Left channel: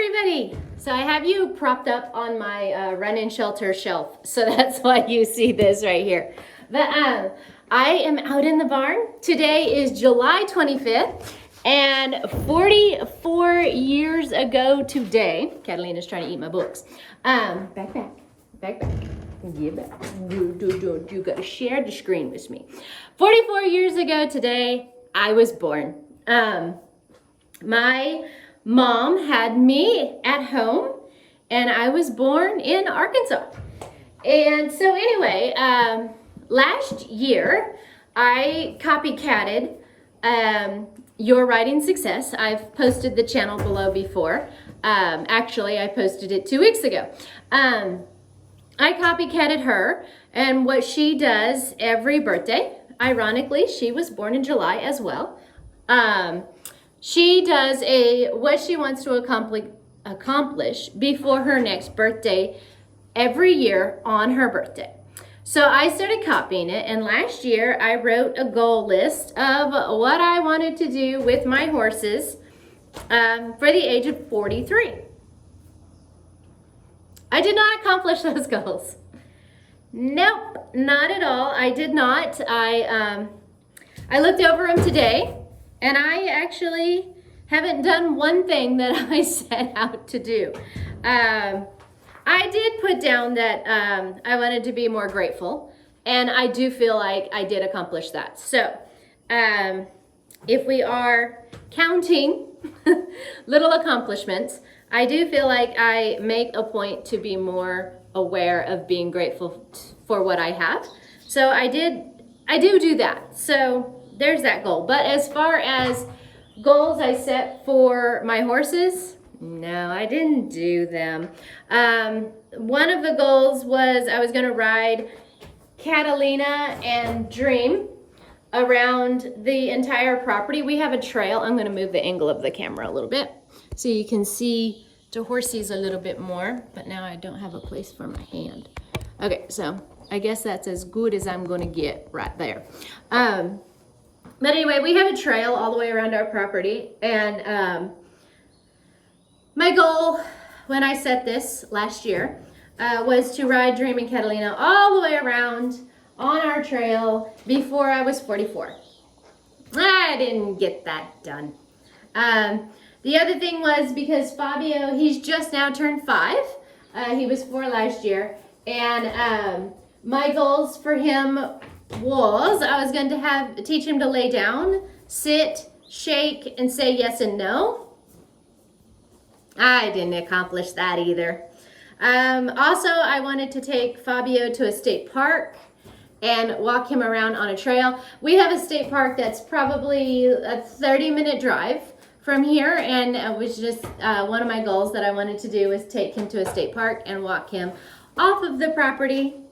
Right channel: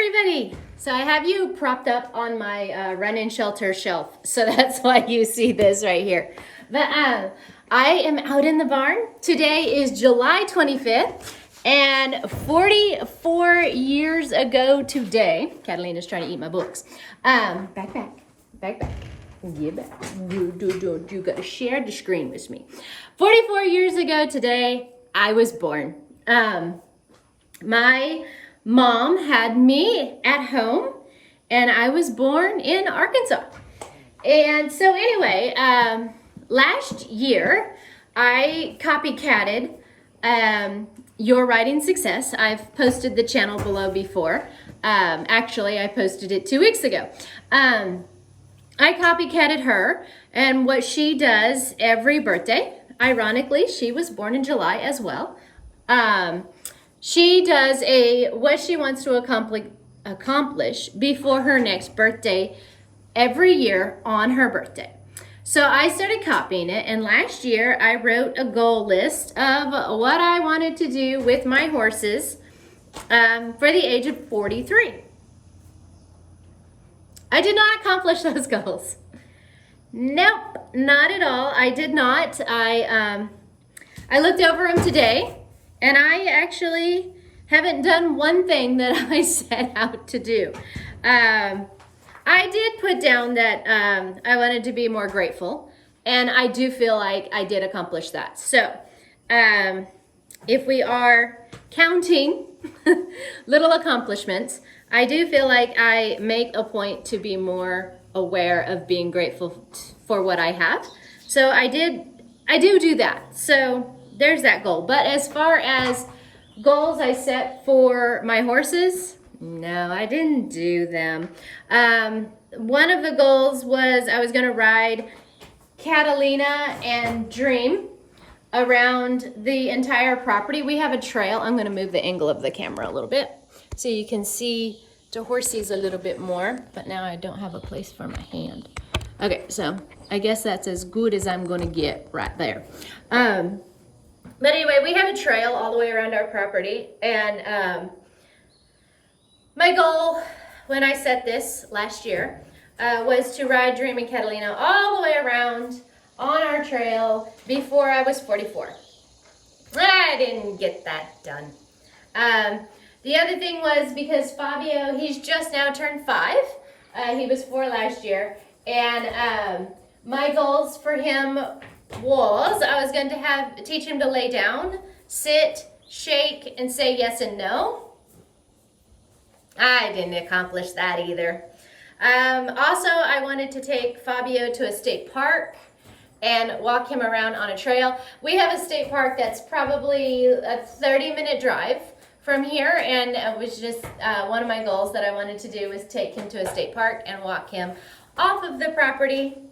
everybody. So I have you propped up on my run-in shelter shelf. So that's why you see this right here. But I am out in the barn. Today is July 25th. And 44 years ago today, Catalina's trying to eat my books. Back. Get back. You gotta share the screen with me. 44 years ago today, I was born. My mom had me at home, and I was born in Arkansas. And so anyway, last year, I copycatted your writing success. I've posted the channel below before. Actually, I posted it 2 weeks ago. I copycatted her and what she does every birthday. Ironically, she was born in July as well. She does what she wants to accomplish before her next birthday every year on her birthday. So I started copying it, and last year I wrote a goal list of what I wanted to do with my horses for the age of 43. I did not accomplish those goals. Nope, not at all. I did not. I looked over them today, and I actually haven't done one thing that I set out to do. I did put down that I wanted to be more grateful, and I do feel like I did accomplish that. So if we are counting little accomplishments, I do feel like I make a point to be more aware of being grateful for what I have. So I do that. So there's that goal. But as far as goals I set for my horses, no, I didn't do them. One of the goals was I was going to ride Catalina and Dream around the entire property. We have a trail. I'm going to move the angle of the camera a little bit so you can see the horses a little bit more, but now I don't have a place for my hand. Okay, so I guess that's as good as I'm going to get right there. But anyway, we have a trail all the way around our property, and my goal when I set this last year was to ride Dream and Catalina all the way around on our trail before I was 44. I didn't get that done. The other thing was because Fabio, he's just now turned 5. He was 4 last year. And my goals for him was I was going to teach him to lay down, sit, shake, and say yes and no. I didn't accomplish that either. Also, I wanted to take Fabio to a state park and walk him around on a trail. We have a state park that's probably a 30-minute drive from here, and it was just one of my goals that I wanted to do was take him to a state park and walk him off of the property.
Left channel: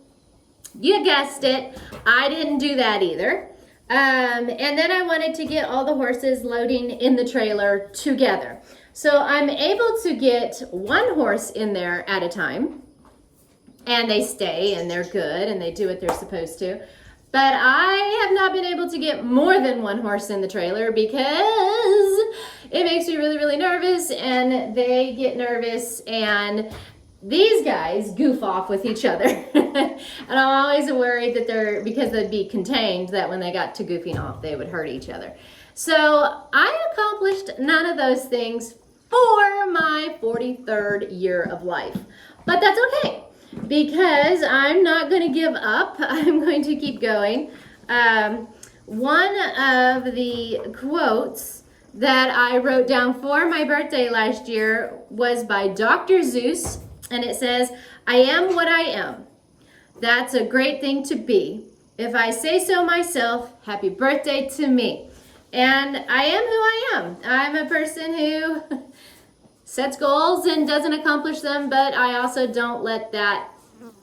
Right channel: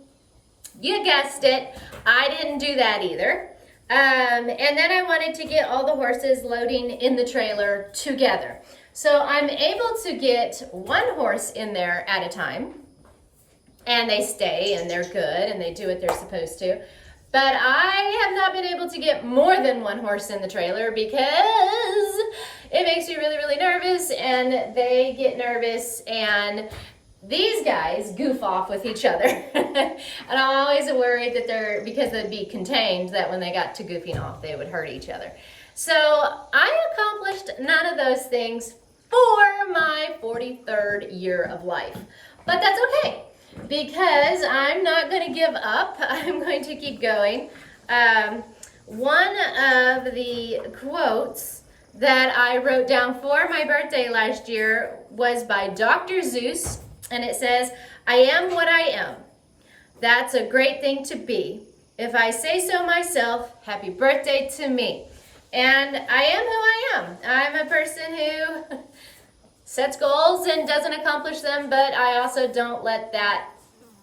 You guessed it, I didn't do that either. And then I wanted to get all the horses loading in the trailer together. So I'm able to get one horse in there at a time, and they stay and they're good and they do what they're supposed to. But I have not been able to get more than one horse in the trailer because it makes me really, really nervous, and they get nervous, and these guys goof off with each other. And I'm always worried that because they'd be contained, that when they got to goofing off, they would hurt each other. So I accomplished none of those things for my 43rd year of life. But that's okay, because I'm not going to give up. I'm going to keep going. One of the quotes that I wrote down for my birthday last year was by Dr. Zeus, and it says, "I am what I am. That's a great thing to be. If I say so myself, happy birthday to me." And I am who I am. I'm a person who sets goals and doesn't accomplish them, but I also don't let that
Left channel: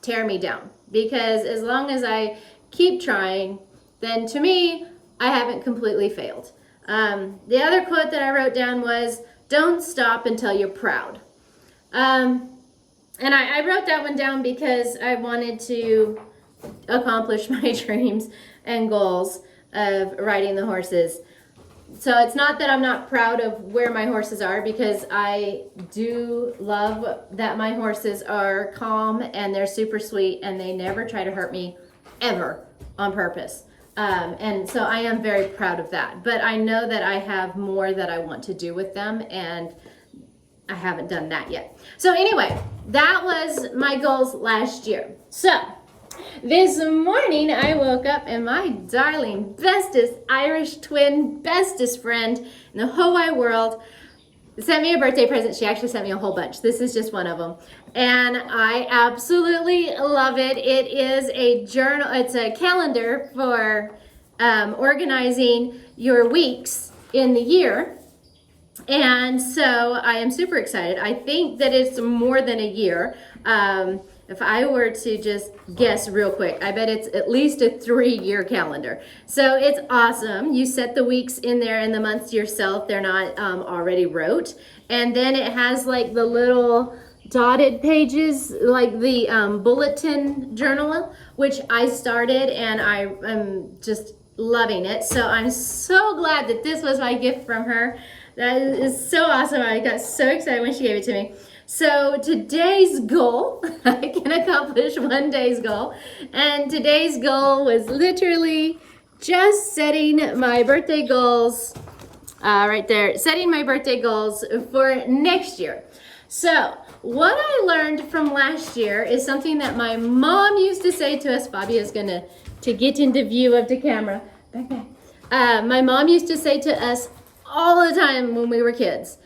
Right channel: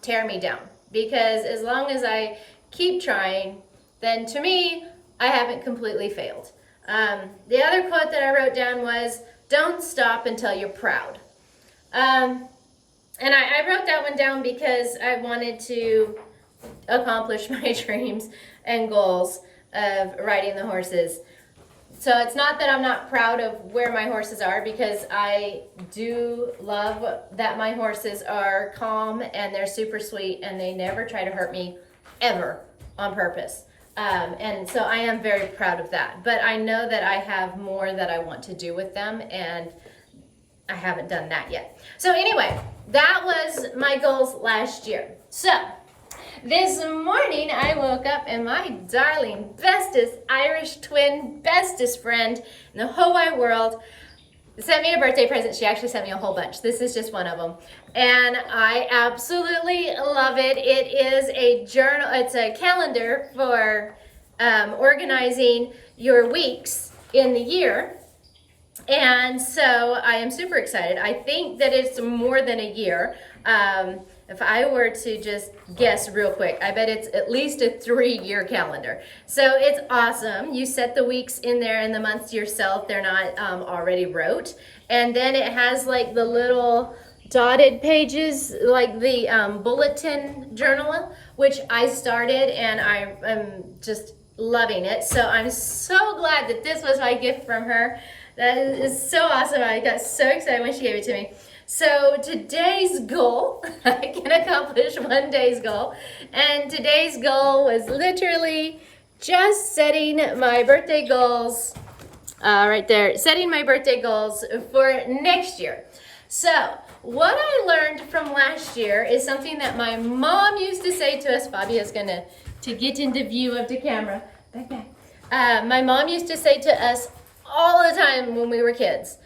tear me down, because as long as I keep trying, then to me, I haven't completely failed. The other quote that I wrote down was, "Don't stop until you're proud." And I wrote that one down because I wanted to accomplish my dreams and goals of riding the horses. So it's not that I'm not proud of where my horses are, because I do love that my horses are calm and they're super sweet and they never try to hurt me ever on purpose. And so I am very proud of that. But I know that I have more that I want to do with them, and I haven't done that yet. So anyway, that was my goals last year. So this morning I woke up and my darling, bestest Irish twin, bestest friend in the whole wide world sent me a birthday present. She actually sent me a whole bunch. This is just one of them. And I absolutely love it. It is a journal, it's a calendar for organizing your weeks in the year. And so I am super excited. I think that it's more than a year. If I were to just guess real quick, I bet it's at least a 3-year calendar. So it's awesome. You set the weeks in there and the months yourself. They're not already wrote. And then it has like the little dotted pages, like the bulletin journal, which I started, and I'm just loving it. So I'm so glad that this was my gift from her. That is so awesome. I got so excited when she gave it to me. So today's goal, I can accomplish one day's goal. And today's goal was literally just setting my birthday goals, right there, setting my birthday goals for next year. So what I learned from last year is something that my mom used to say to us. Fabio's gonna to get into view of the camera. Back, back. My mom used to say to us all the time when we were kids,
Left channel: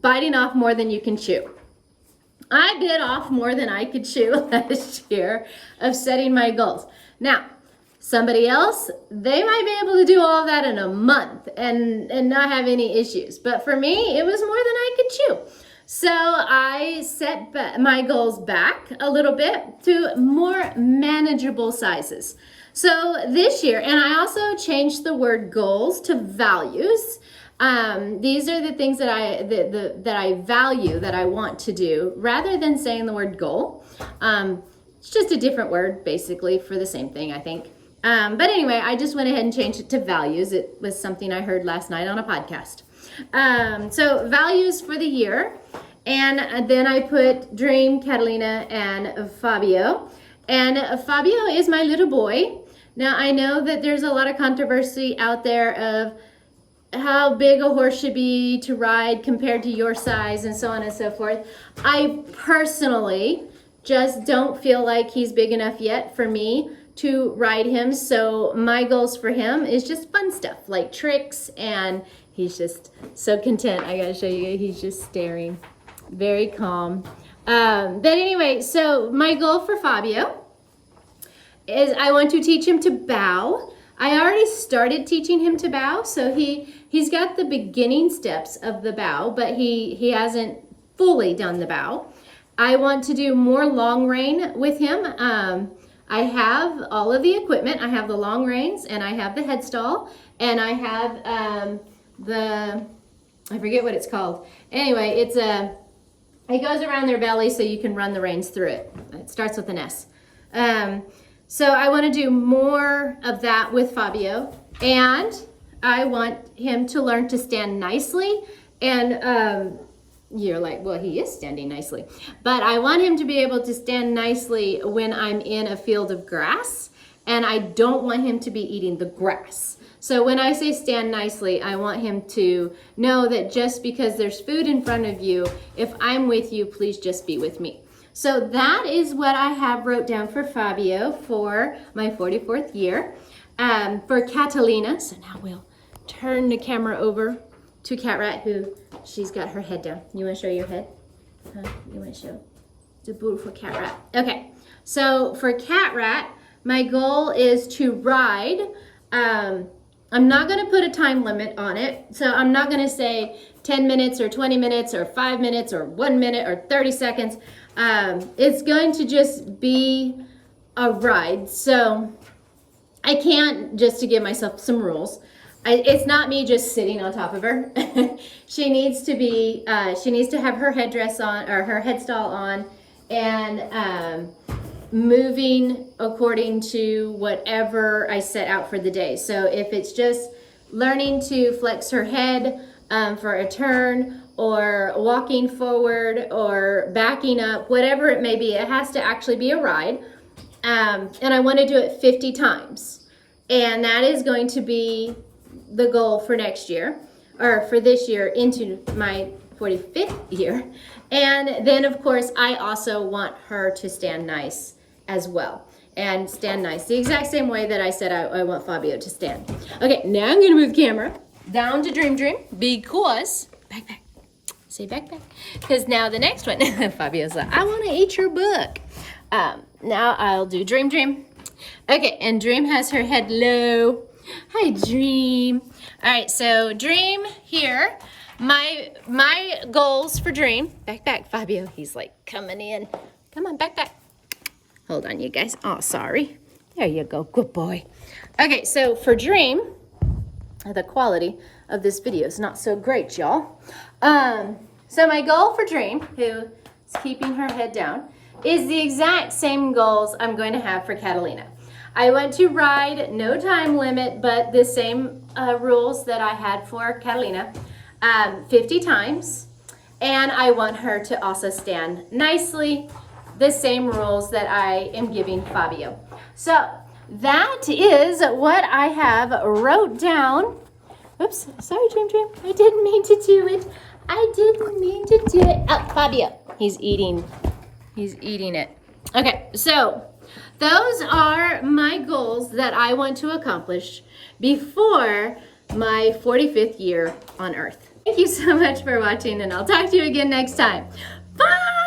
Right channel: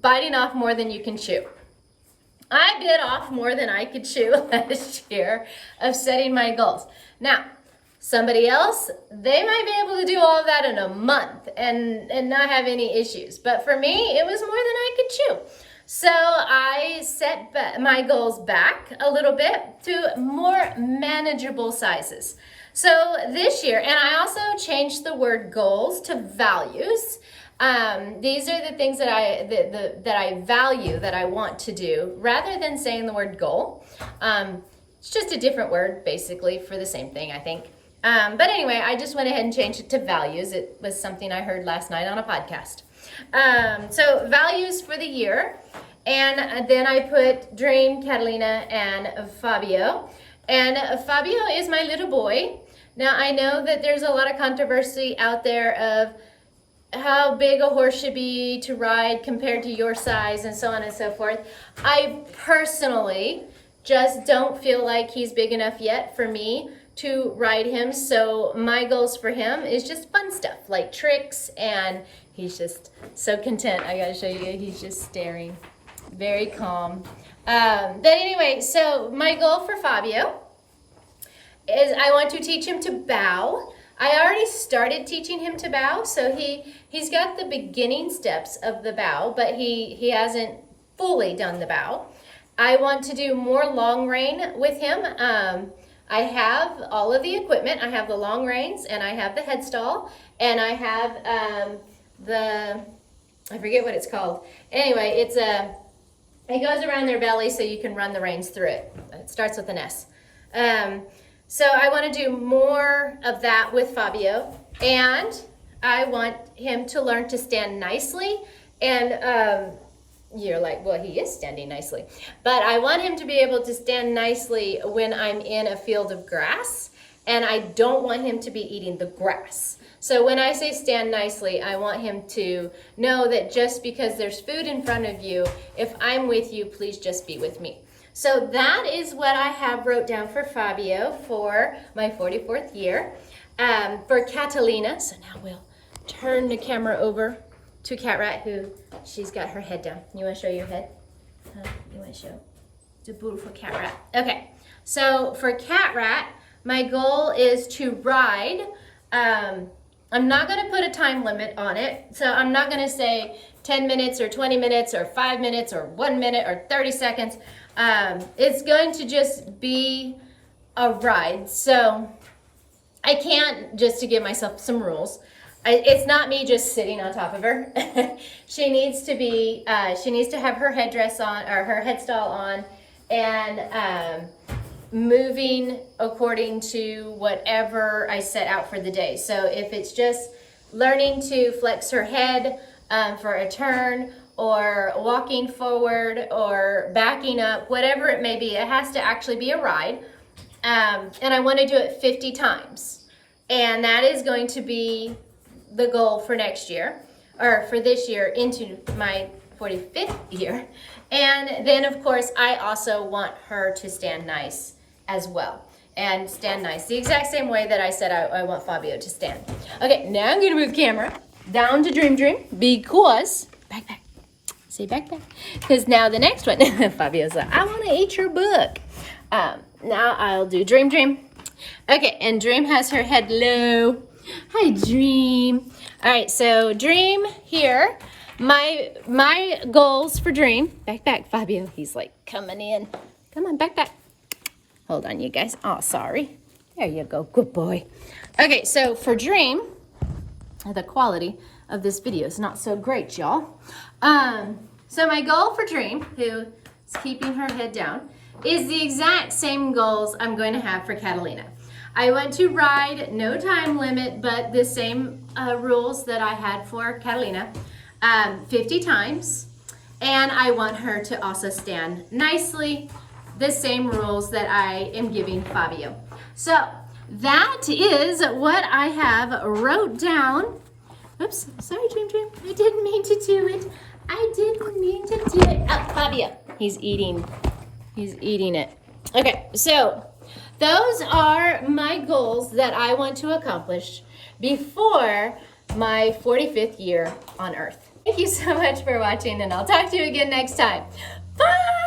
biting off more than you can chew. I bit off more than I could chew last year of setting my goals. Now, somebody else, they might be able to do all of that in a month and not have any issues. But for me, it was more than I could chew. So I set my goals back a little bit to more manageable sizes. So this year, and I also changed the word goals to values. These are the things that I value, that I want to do, rather than saying the word goal. It's just a different word, basically, for the same thing, I think. But anyway, I just went ahead and changed it to values. It was something I heard last night on a podcast. So values for the year. And then I put Dream, Catalina, and Fabio. And Fabio is my little boy. Now, I know that there's a lot of controversy out there of how big a horse should be to ride compared to your size and so on and so forth. I personally just don't feel like he's big enough yet for me to ride him. So my goals for him is just fun stuff like tricks, and he's just so content. I gotta show you, he's just staring, very calm. But anyway, so my goal for Fabio is I want to teach him to bow. I already started teaching him to bow, so he's got the beginning steps of the bow, but he hasn't fully done the bow. I want to do more long rein with him. I have all of the equipment. I have the long reins, and I have the headstall, and I have I forget what it's called. Anyway, it goes around their belly so you can run the reins through it. It starts with an S. So I want to do more of that with Fabio, and I want him to learn to stand nicely. And you're like, well, he is standing nicely. But I want him to be able to stand nicely when I'm in a field of grass, and I don't want him to be eating the grass. So when I say stand nicely, I want him to know that just because there's food in front of you, if I'm with you, please just be with me. So that is what I have wrote down for Fabio for my 44th year. For Catalina, so now we'll turn the camera over to Cat Rat, who she's got her head down. You want to show your head? You want to show the beautiful Cat Rat? Okay, so for Cat Rat, my goal is to ride. I'm not going to put a time limit on it, so I'm not going to say 10 minutes or 20 minutes or 5 minutes or 1 minute or 30 seconds. It's going to just be a ride. So I can't, just to give myself some rules, it's not me just sitting on top of her. She needs to have her headdress on, or her headstall on, and moving according to whatever I set out for the day. So if it's just learning to flex her head for a turn, or walking forward, or backing up, whatever it may be. It has to actually be a ride. And I want to do it 50 times. And that is going to be the goal for next year, or for this year into my 45th year. And then, of course, I also want her to stand nice as well. And stand nice the exact same way that I said I want Fabio to stand. Okay, now I'm going to move the camera down to Dream Dream, because backpack. Say backpack. Because now the next one, Fabio's like, I want to eat your book. Now I'll do Dream Dream. Okay, and Dream has her head low. Hi, Dream. All right, so Dream here. My goals for Dream. Back, Fabio. He's like coming in. Come on, back. Hold on, you guys. Oh, sorry. There you go. Good boy. Okay, so for Dream, the quality of this video is not so great, y'all. So my goal for Dream, who is keeping her head down, is the exact same goals I'm going to have for Catalina. I want to ride, no time limit, but the same rules that I had for Catalina, 50 times. And I want her to also stand nicely, the same rules that I am giving Fabio. So that is what I have wrote down. Oops, sorry, Dream. I didn't mean to do it. Oh, Fabio, he's eating it. Okay, so those are my goals that I want to accomplish before my 45th year on Earth. Thank you so much for watching, and I'll talk to you again next time. Bye!